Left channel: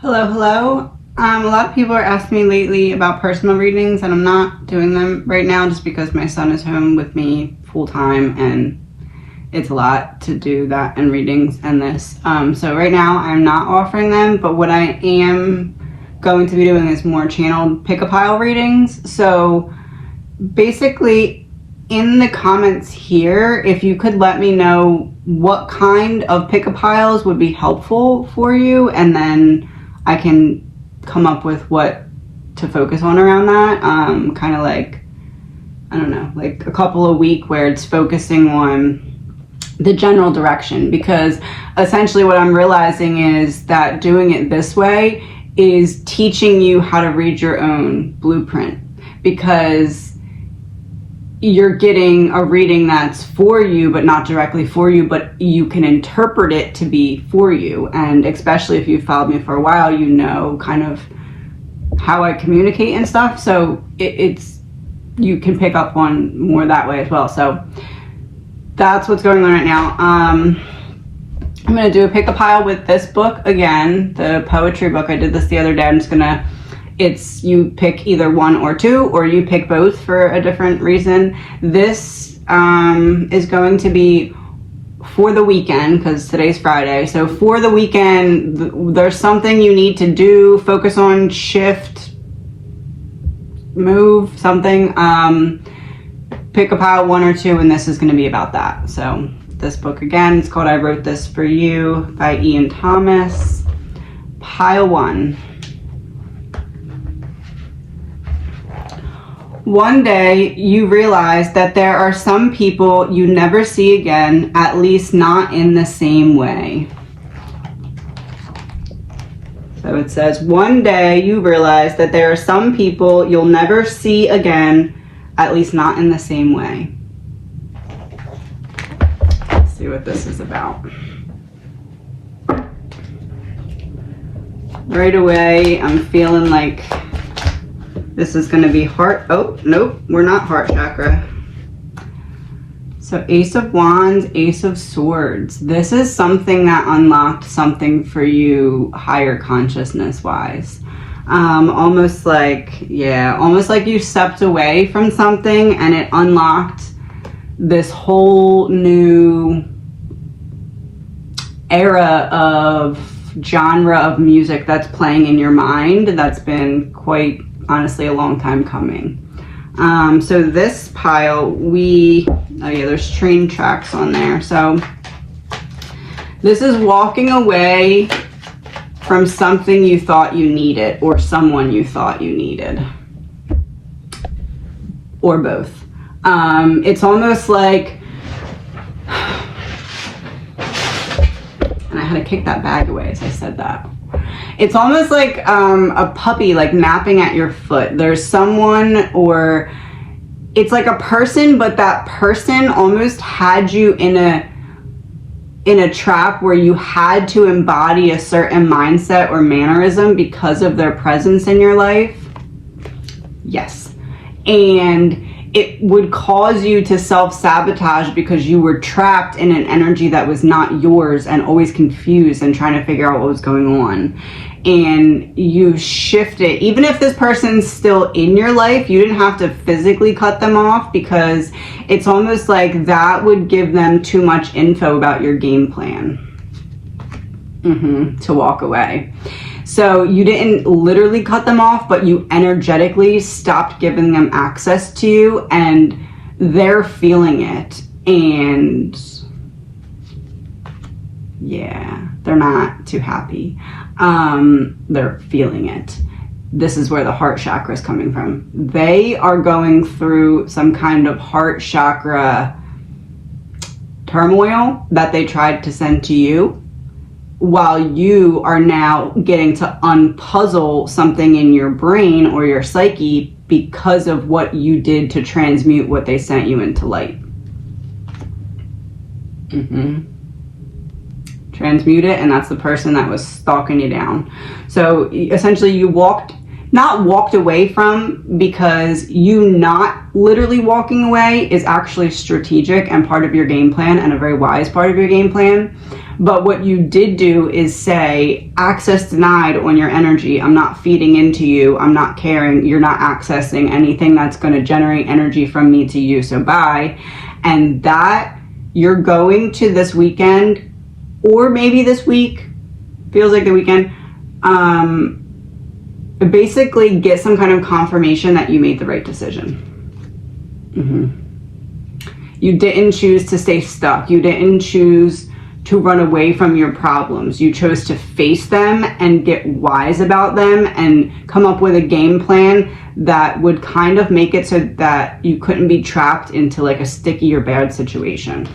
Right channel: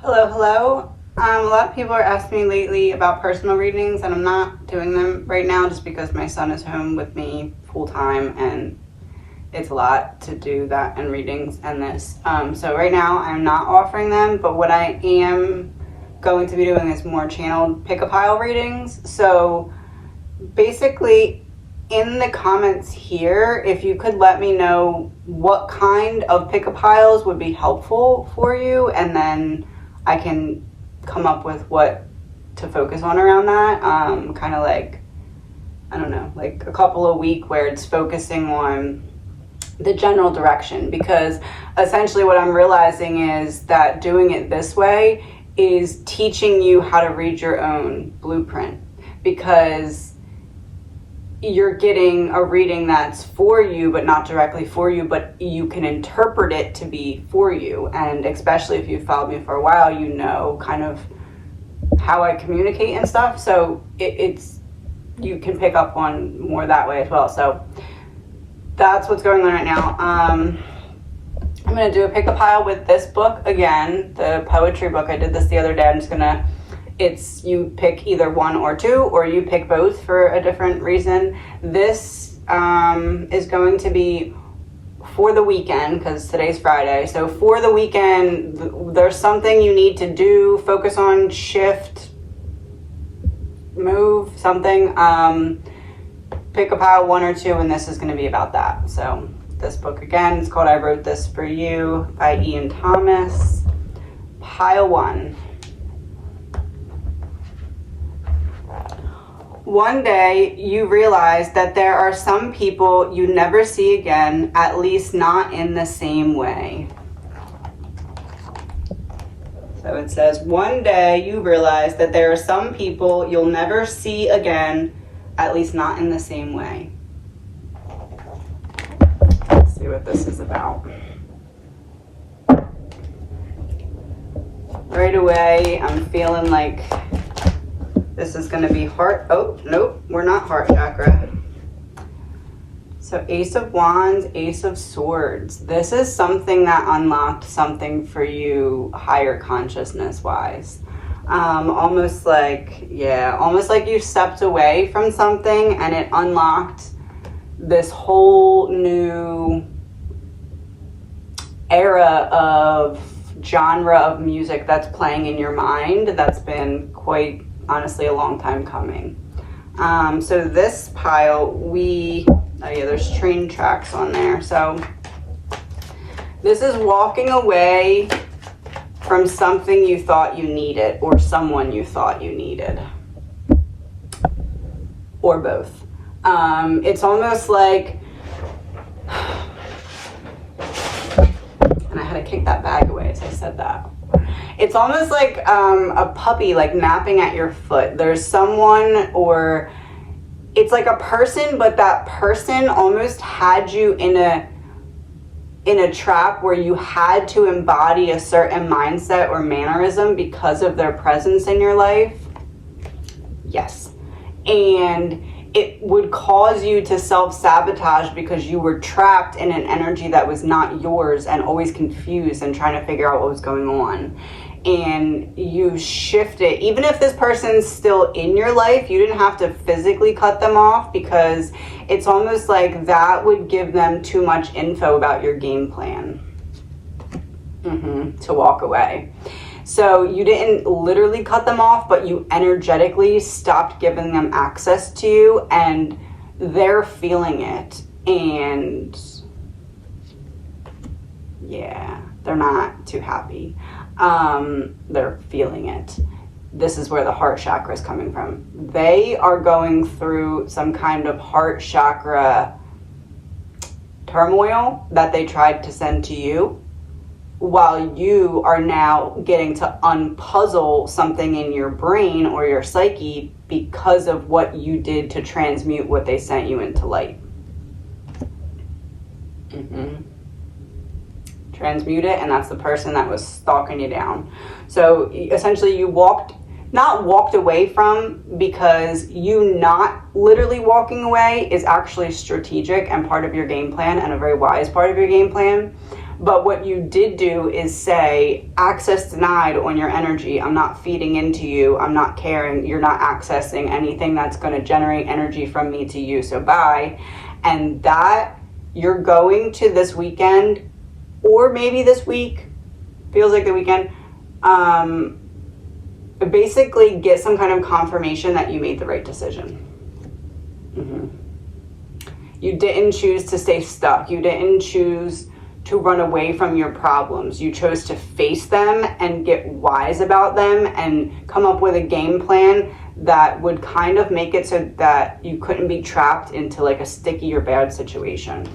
Hello, hello. A lot of people are asking me lately about personal readings, and I'm not doing them right now just because my son is home with me full time, and it's a lot to do that and readings and this. So right now I'm not offering them, but what I am going to be doing is more channeled pick-a-pile readings. So basically, in the comments here, if you could let me know what kind of pick-a-piles would be helpful for you, and then I can come up with what to focus on around that. Kind of like, I don't know, like a couple a week where it's focusing on the general direction, because essentially what I'm realizing is that doing it this way is teaching you how to read your own blueprint, because you're getting a reading that's for you but not directly for you, but you can interpret it to be for you. And especially if you've followed me for a while, you know kind of how I communicate and stuff, so it's you can pick up on more that way as well. So that's what's going on right now. I'm gonna do a pick-a-pile with this book again, the poetry book. I did this the other day. I'm just gonna, it's, you pick either one or two, or you pick both for a different reason. This is going to be for the weekend, because today's Friday. So for the weekend, there's something you need to do, focus on, shift, move, something. Pick-a-pile one or two, and this is going to be about that. So this book again, it's called I Wrote This For You by Ian Thomas. Pile one. One day you realize that there are some people you never see again, at least not in the same way. So it says, one day you realize that there are some people you'll never see again, at least not in the same way. Let's see what this is about. Right away, I'm feeling like this is going to be heart. Oh, nope, we're not heart chakra. So Ace of Wands, Ace of Swords. This is something that unlocked something for you higher consciousness wise. Almost like you stepped away from something and it unlocked this whole new era of genre of music that's playing in your mind that's been quite honestly a long time coming. So this pile, there's train tracks on there. So this is walking away from something you thought you needed, or someone you thought you needed, or both. It's almost like, and I had to kick that bag away as I said that. It's almost like a puppy like napping at your foot. There's someone, or it's like a person, but that person almost had you in a trap where you had to embody a certain mindset or mannerism because of their presence in your life. Yes. And it would cause you to self-sabotage because you were trapped in an energy that was not yours and always confused and trying to figure out what was going on. And you shift it. Even if this person's still in your life, you didn't have to physically cut them off, because it's almost like that would give them too much info about your game plan to walk away. So you didn't literally cut them off, but you energetically stopped giving them access to you, and they're feeling it. And yeah, they're not too happy. They're feeling it. This is where the heart chakra is coming from. They are going through some kind of heart chakra turmoil that they tried to send to you, while you are now getting to unpuzzle something in your brain or your psyche because of what you did to transmute what they sent you into light. Transmute it, and that's the person that was stalking you down. So essentially you not walked away from, because you not literally walking away is actually strategic and part of your game plan, and a very wise part of your game plan. But what you did do is say, access denied on your energy. I'm not feeding into you. I'm not caring. You're not accessing anything that's going to generate energy from me to you. So bye. And that you're going to this weekend, or maybe this week, feels like the weekend, basically get some kind of confirmation that you made the right decision. You didn't choose to stay stuck. You didn't choose to run away from your problems. You chose to face them and get wise about them and come up with a game plan that would kind of make it so that you couldn't be trapped into like a sticky or bad situation.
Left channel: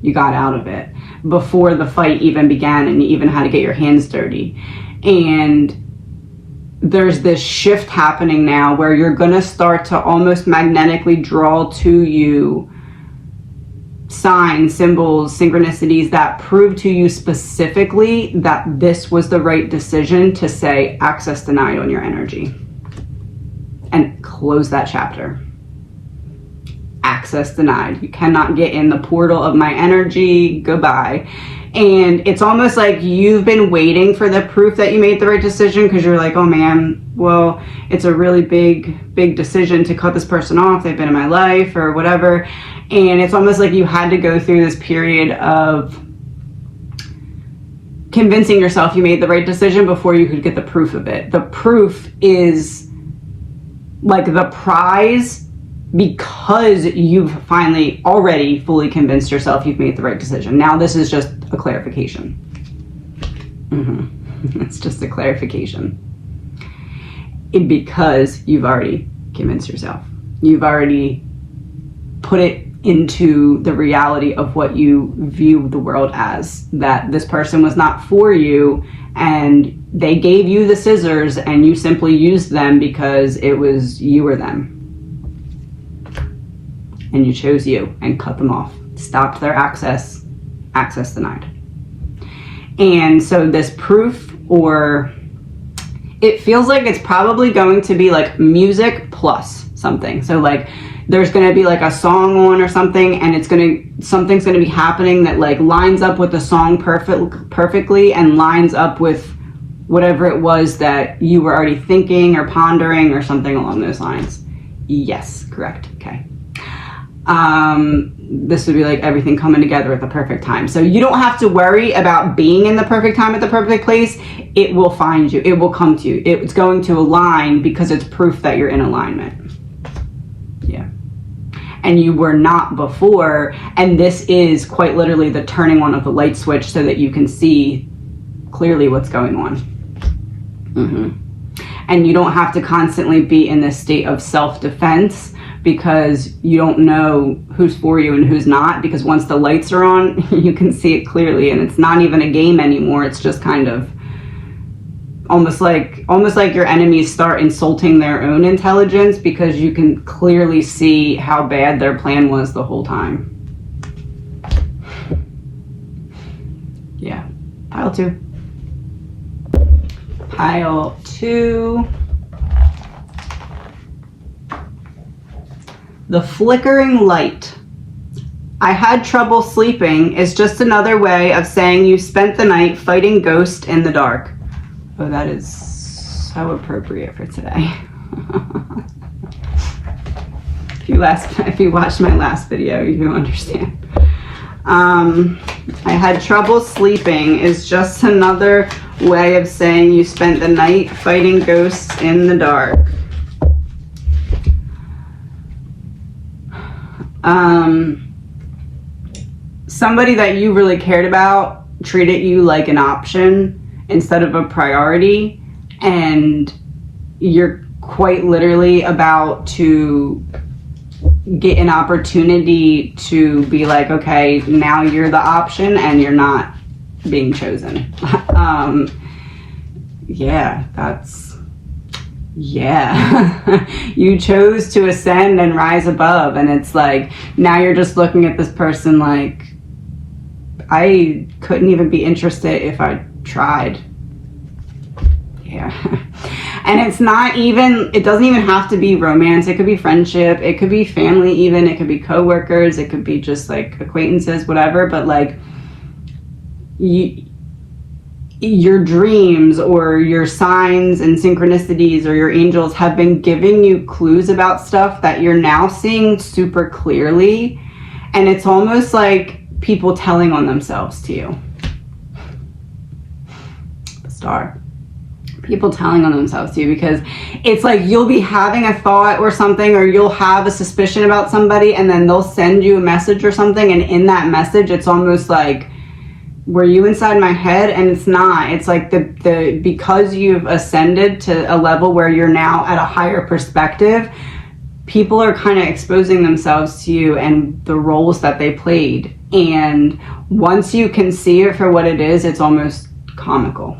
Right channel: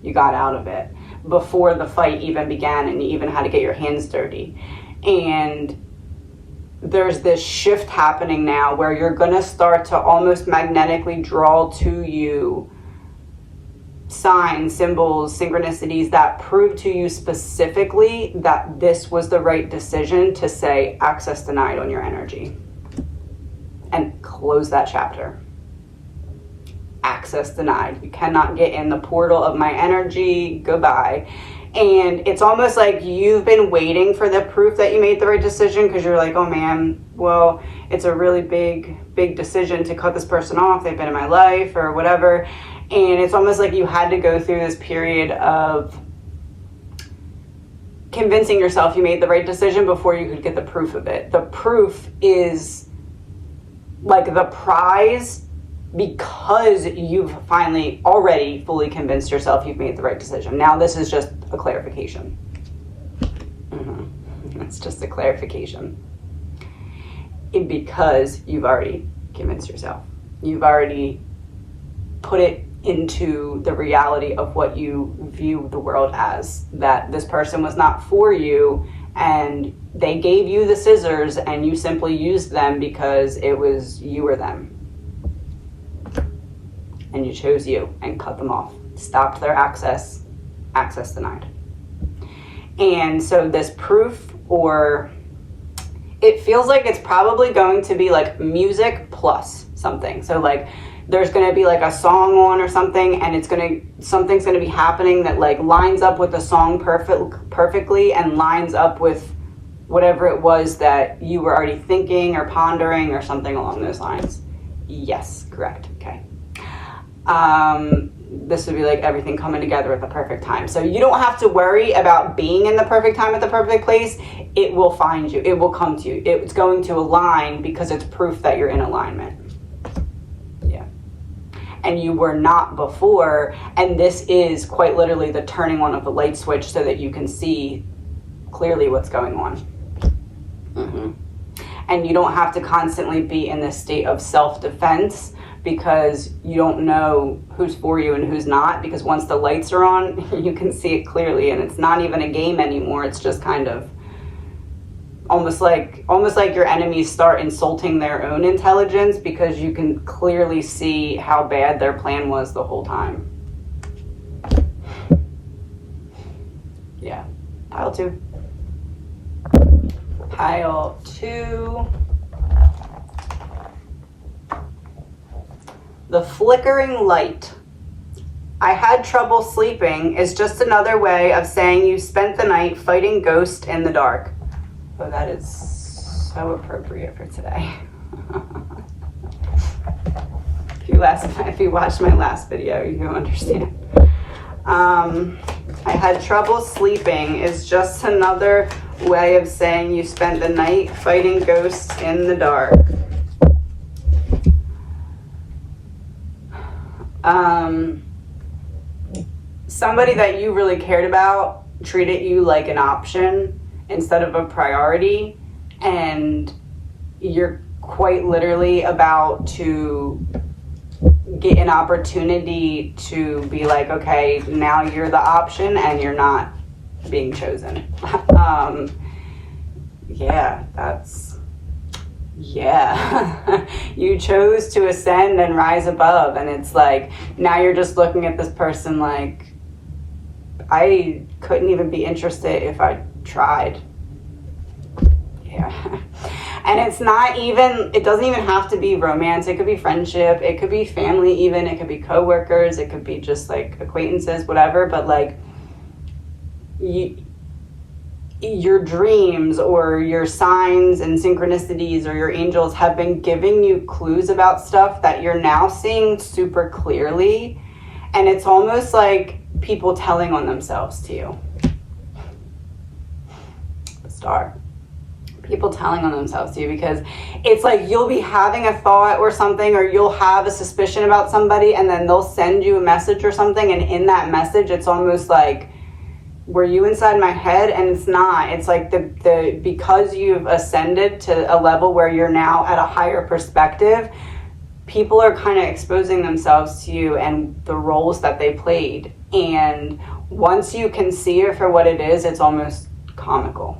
You got out of it before the fight even began and you even had to get your hands dirty. And there's this shift happening now where you're going to start to almost magnetically draw to you signs, symbols, synchronicities that prove to you specifically that this was the right decision to say access denied on your energy and close that chapter. Access denied. You cannot get in the portal of my energy. Goodbye. And it's almost like you've been waiting for the proof that you made the right decision because you're like, oh man, well, it's a really big decision to cut this person off. They've been in my life or whatever. And it's almost like you had to go through this period of convincing yourself you made the right decision before you could get the proof of it. The proof is like the prize because you've finally already fully convinced yourself you've made the right decision. Now this is just a clarification. It's just a clarification. Because you've already convinced yourself. You've already put it into the reality of what you view the world as. That this person was not for you and they gave you the scissors and you simply used them because it was you or them. And you chose you and cut them off. Stopped their access denied. And so this proof, or it feels like it's probably going to be like music plus something. So like there's going to be like a song on or something and something's going to be happening that like lines up with the song perfectly and lines up with whatever it was that you were already thinking or pondering or something along those lines. Yes, correct. Okay. This would be like everything coming together at the perfect time. So you don't have to worry about being in the perfect time at the perfect place. It will find you. It will come to you. It's going to align because it's proof that you're in alignment. Yeah. And you were not before. And this is quite literally the turning on of the light switch so that you can see clearly what's going on. And you don't have to constantly be in this state of self-defense because you don't know who's for you and who's not, because once the lights are on, you can see it clearly and it's not even a game anymore. It's just kind of almost like your enemies start insulting their own intelligence because you can clearly see how bad their plan was the whole time. Yeah. Pile 2. Pile 2. The flickering light. I had trouble sleeping is just another way of saying you spent the night fighting ghosts in the dark. Oh, that is so appropriate for today. If you watched my last video, you understand. I had trouble sleeping is just another way of saying you spent the night fighting ghosts in the dark. Somebody that you really cared about treated you like an option instead of a priority, and you're quite literally about to get an opportunity to be like, okay, now you're the option and you're not being chosen. You chose to ascend and rise above, and it's like now you're just looking at this person like, I couldn't even be interested if I tried. Yeah. And it's not even, it doesn't even have to be romance. It could be friendship. It could be family even. It could be coworkers. It could be just like acquaintances, whatever. But like your dreams or your signs and synchronicities or your angels have been giving you clues about stuff that you're now seeing super clearly. And it's almost like people telling on themselves to you. The star. People telling on themselves to you, because it's like you'll be having a thought or something, or you'll have a suspicion about somebody, and then they'll send you a message or something, and in that message it's almost like, were you inside my head? And it's not. It's like the because you've ascended to a level where you're now at a higher perspective, people are kind of exposing themselves to you and the roles that they played. And once you can see it for what it is, it's almost comical.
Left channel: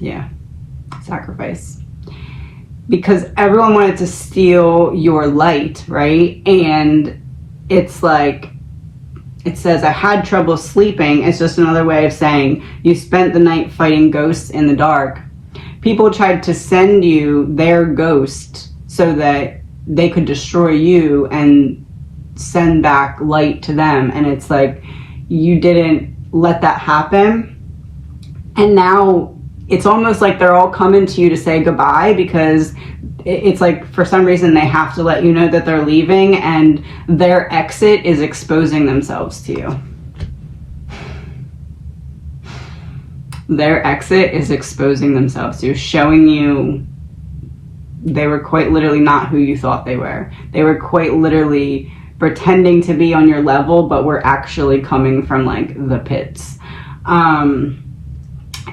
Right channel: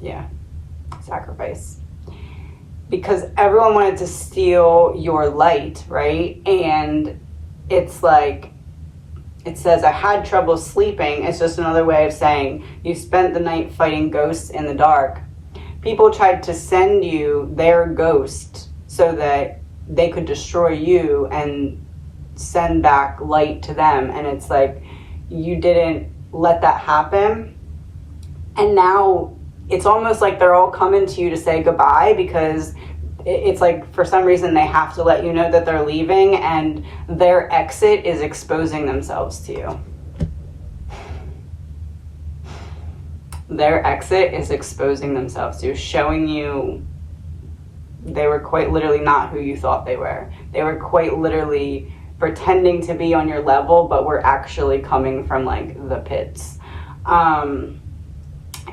Yeah. Sacrifice. Because everyone wanted to steal your light, right? And it's like, it says, I had trouble sleeping. It's just another way of saying you spent the night fighting ghosts in the dark. People tried to send you their ghost so that they could destroy you and send back light to them. And it's like, you didn't let that happen. And now it's almost like they're all coming to you to say goodbye, because it's like for some reason they have to let you know that they're leaving, and their exit is exposing themselves to you. Their exit is exposing themselves to you, showing you they were quite literally not who you thought they were. They were quite literally pretending to be on your level, but were actually coming from like the pits.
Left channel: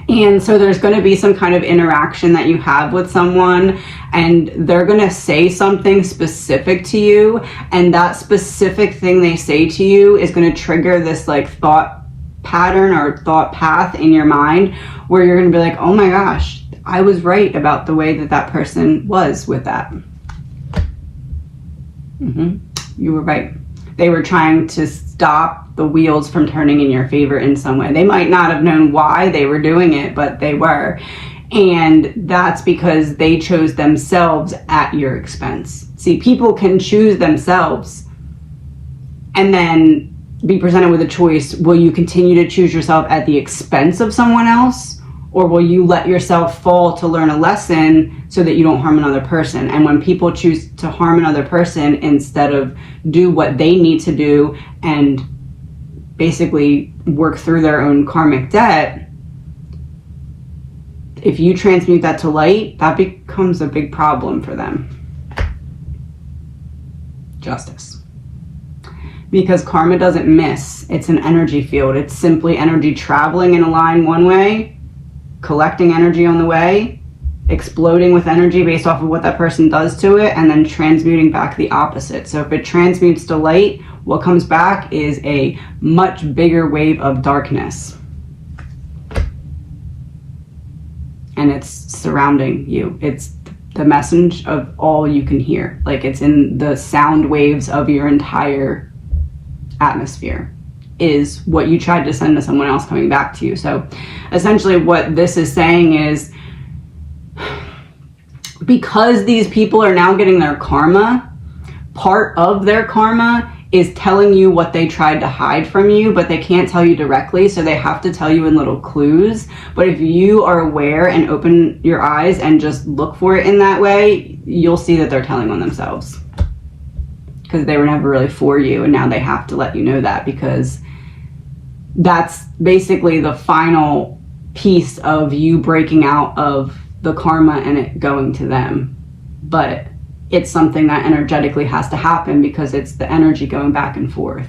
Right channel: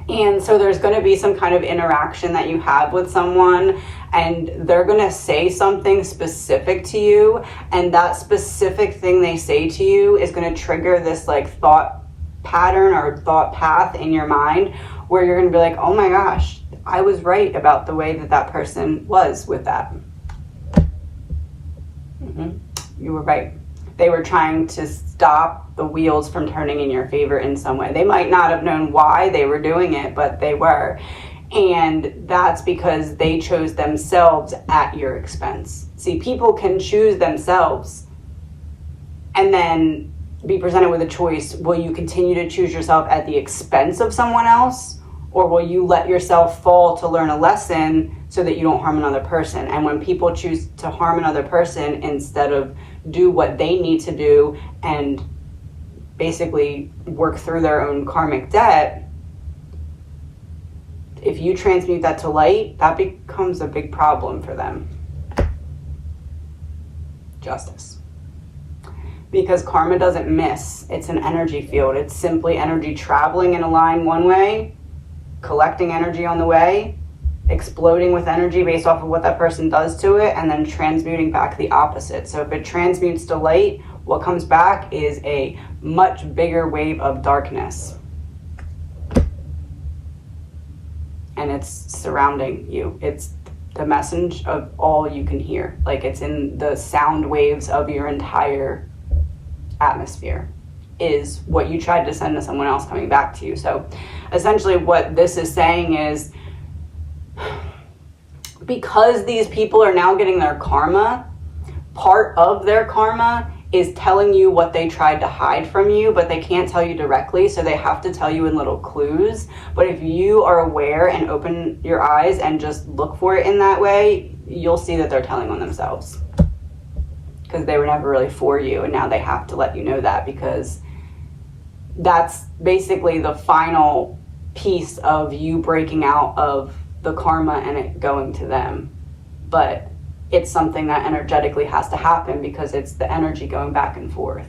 And so there's going to be some kind of interaction that you have with someone, and they're going to say something specific to you, and that specific thing they say to you is going to trigger this like thought pattern or thought path in your mind where you're going to be like, oh my gosh, I was right about the way that that person was with that. You were right. They were trying to stop the wheels from turning in your favor in some way. They might not have known why they were doing it, but they were. And that's because they chose themselves at your expense. See, people can choose themselves and then be presented with a choice. Will you continue to choose yourself at the expense of someone else? Or will you let yourself fall to learn a lesson so that you don't harm another person? And when people choose to harm another person instead of do what they need to do and basically work through their own karmic debt, if you transmute that to light, that becomes a big problem for them. Justice. Because karma doesn't miss. It's an energy field. It's simply energy traveling in a line one way, collecting energy on the way, exploding with energy based off of what that person does to it, and then transmuting back the opposite. So if it transmutes to light, what comes back is a much bigger wave of darkness. And it's surrounding you. It's the message of all you can hear. Like, it's in the sound waves of your entire atmosphere is what you tried to send to someone else coming back to you. So essentially what this is saying is, because these people are now getting their karma, part of their karma is telling you what they tried to hide from you, but they can't tell you directly, so they have to tell you in little clues. But if you are aware and open your eyes and just look for it in that way, you'll see that they're telling on themselves. Because they were never really for you, and now they have to let you know that, because that's basically the final piece of you breaking out of the karma and it going to them. But it's something that energetically has to happen, because it's the energy going back and forth.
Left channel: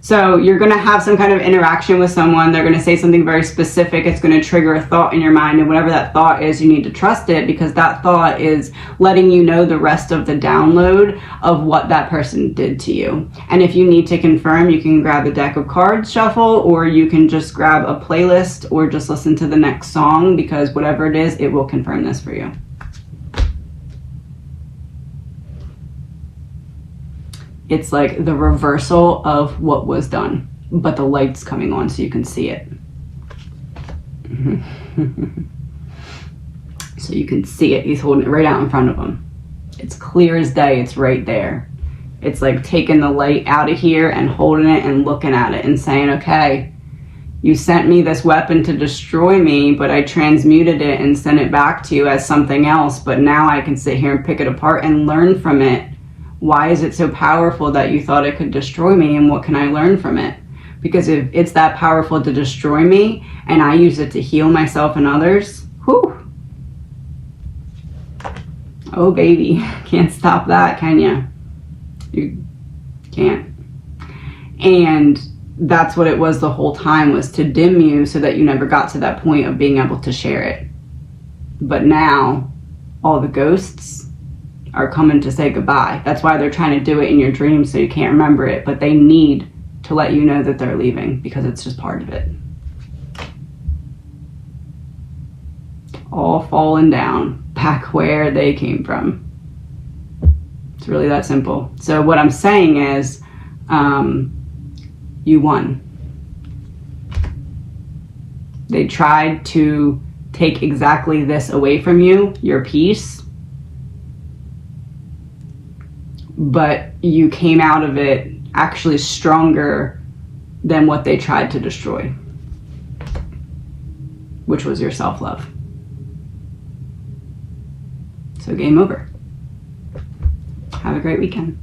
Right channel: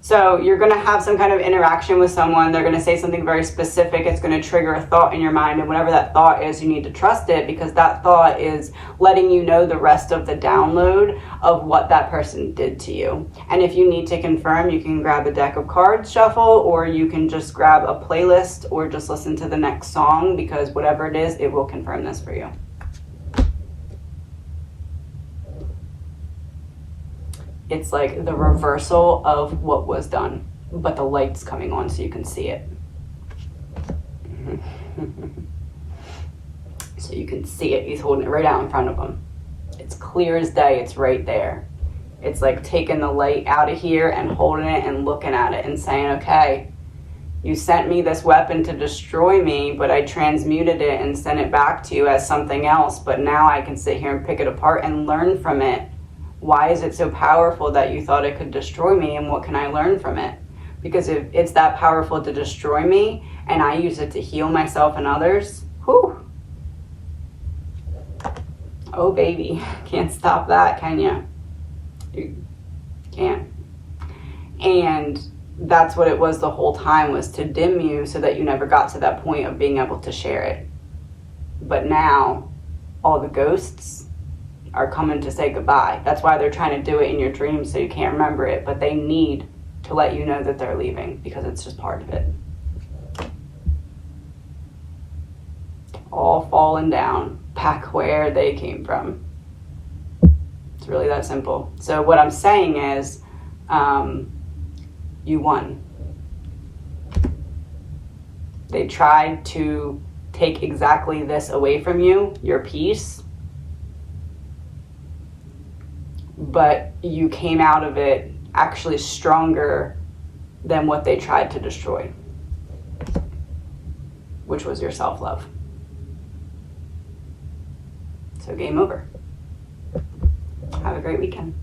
So you're going to have some kind of interaction with someone. They're going to say something very specific. It's going to trigger a thought in your mind, and whatever that thought is, you need to trust it, because that thought is letting you know the rest of the download of what that person did to you. And if you need to confirm, you can grab a deck of cards, shuffle, or you can just grab a playlist or just listen to the next song, because whatever it is, it will confirm this for you. It's like the reversal of what was done, but the light's coming on so you can see it. So you can see it. He's holding it right out in front of him. It's clear as day. It's right there. It's like taking the light out of here and holding it and looking at it and saying, okay, you sent me this weapon to destroy me, but I transmuted it and sent it back to you as something else. But now I can sit here and pick it apart and learn from it. Why is it so powerful that you thought it could destroy me, and what can I learn from it? Because if it's that powerful to destroy me and I use it to heal myself and others, whew. Oh baby, can't stop that, can you? You can't. And that's what it was the whole time, was to dim you so that you never got to that point of being able to share it. But now all the ghosts are coming to say goodbye. That's why they're trying to do it in your dreams so you can't remember it, but they need to let you know that they're leaving because it's just part of it. All falling down back where they came from. It's really that simple. So what I'm saying is, you won. They tried to take exactly this away from you, your peace, but you came out of it actually stronger than what they tried to destroy, which was your self-love. So game over. Have a great weekend.